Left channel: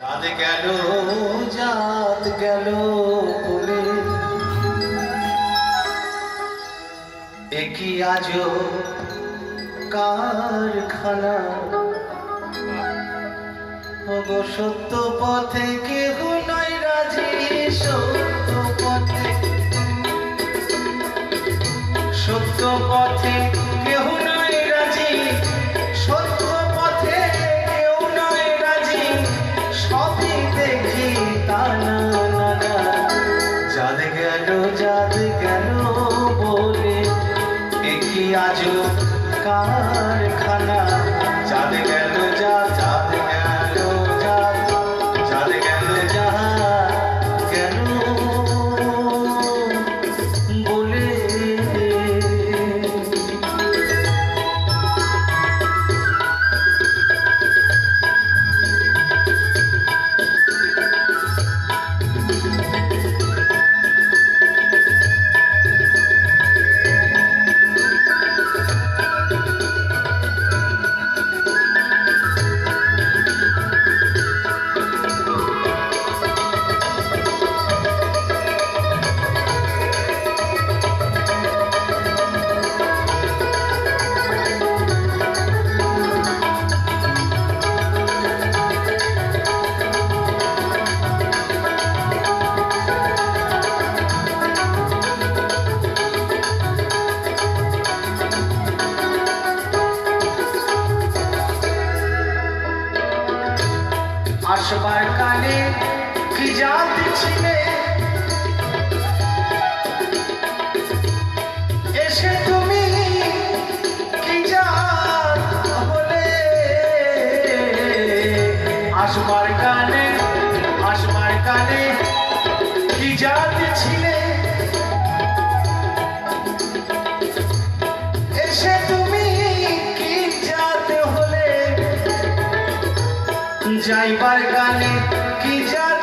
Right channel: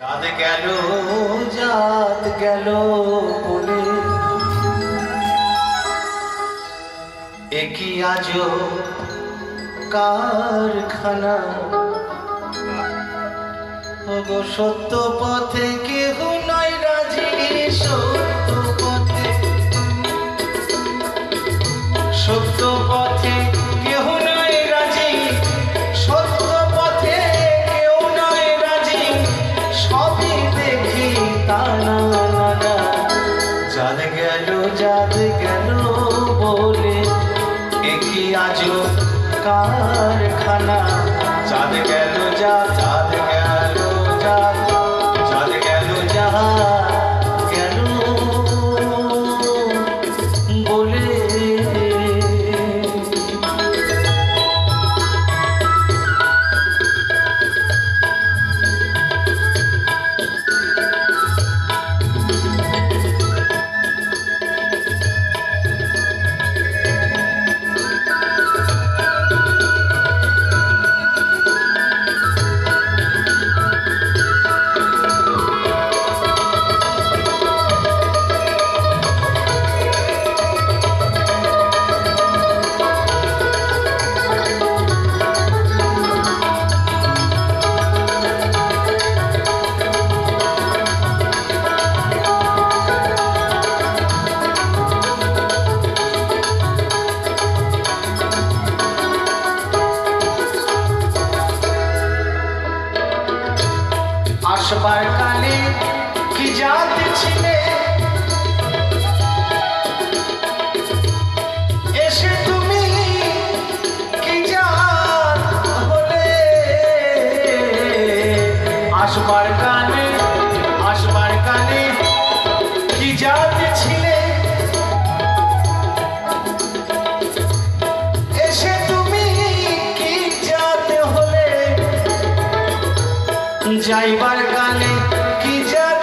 চাঁদ গেল জাত গেল বলে একই আজো কারখানা ওগো সত্য পথে কেহ নাই রাজি সত্য পথে কেহ নাই রাজি সত্য পথে কেউ নাই রাজি সবই দেখি তানা নানা জাত গেল বলে একই আজো কারখানা চাঁদ গেল চাঁদ গেল চাঁদ গেল গেল বলে আসবার কালে কি জাত ছিলে এসে তুমি কি জাত হলে আসবার কালে কি জাত ছিলে এসে তুমি কি জাত হলে যাইবার কালে কি জাত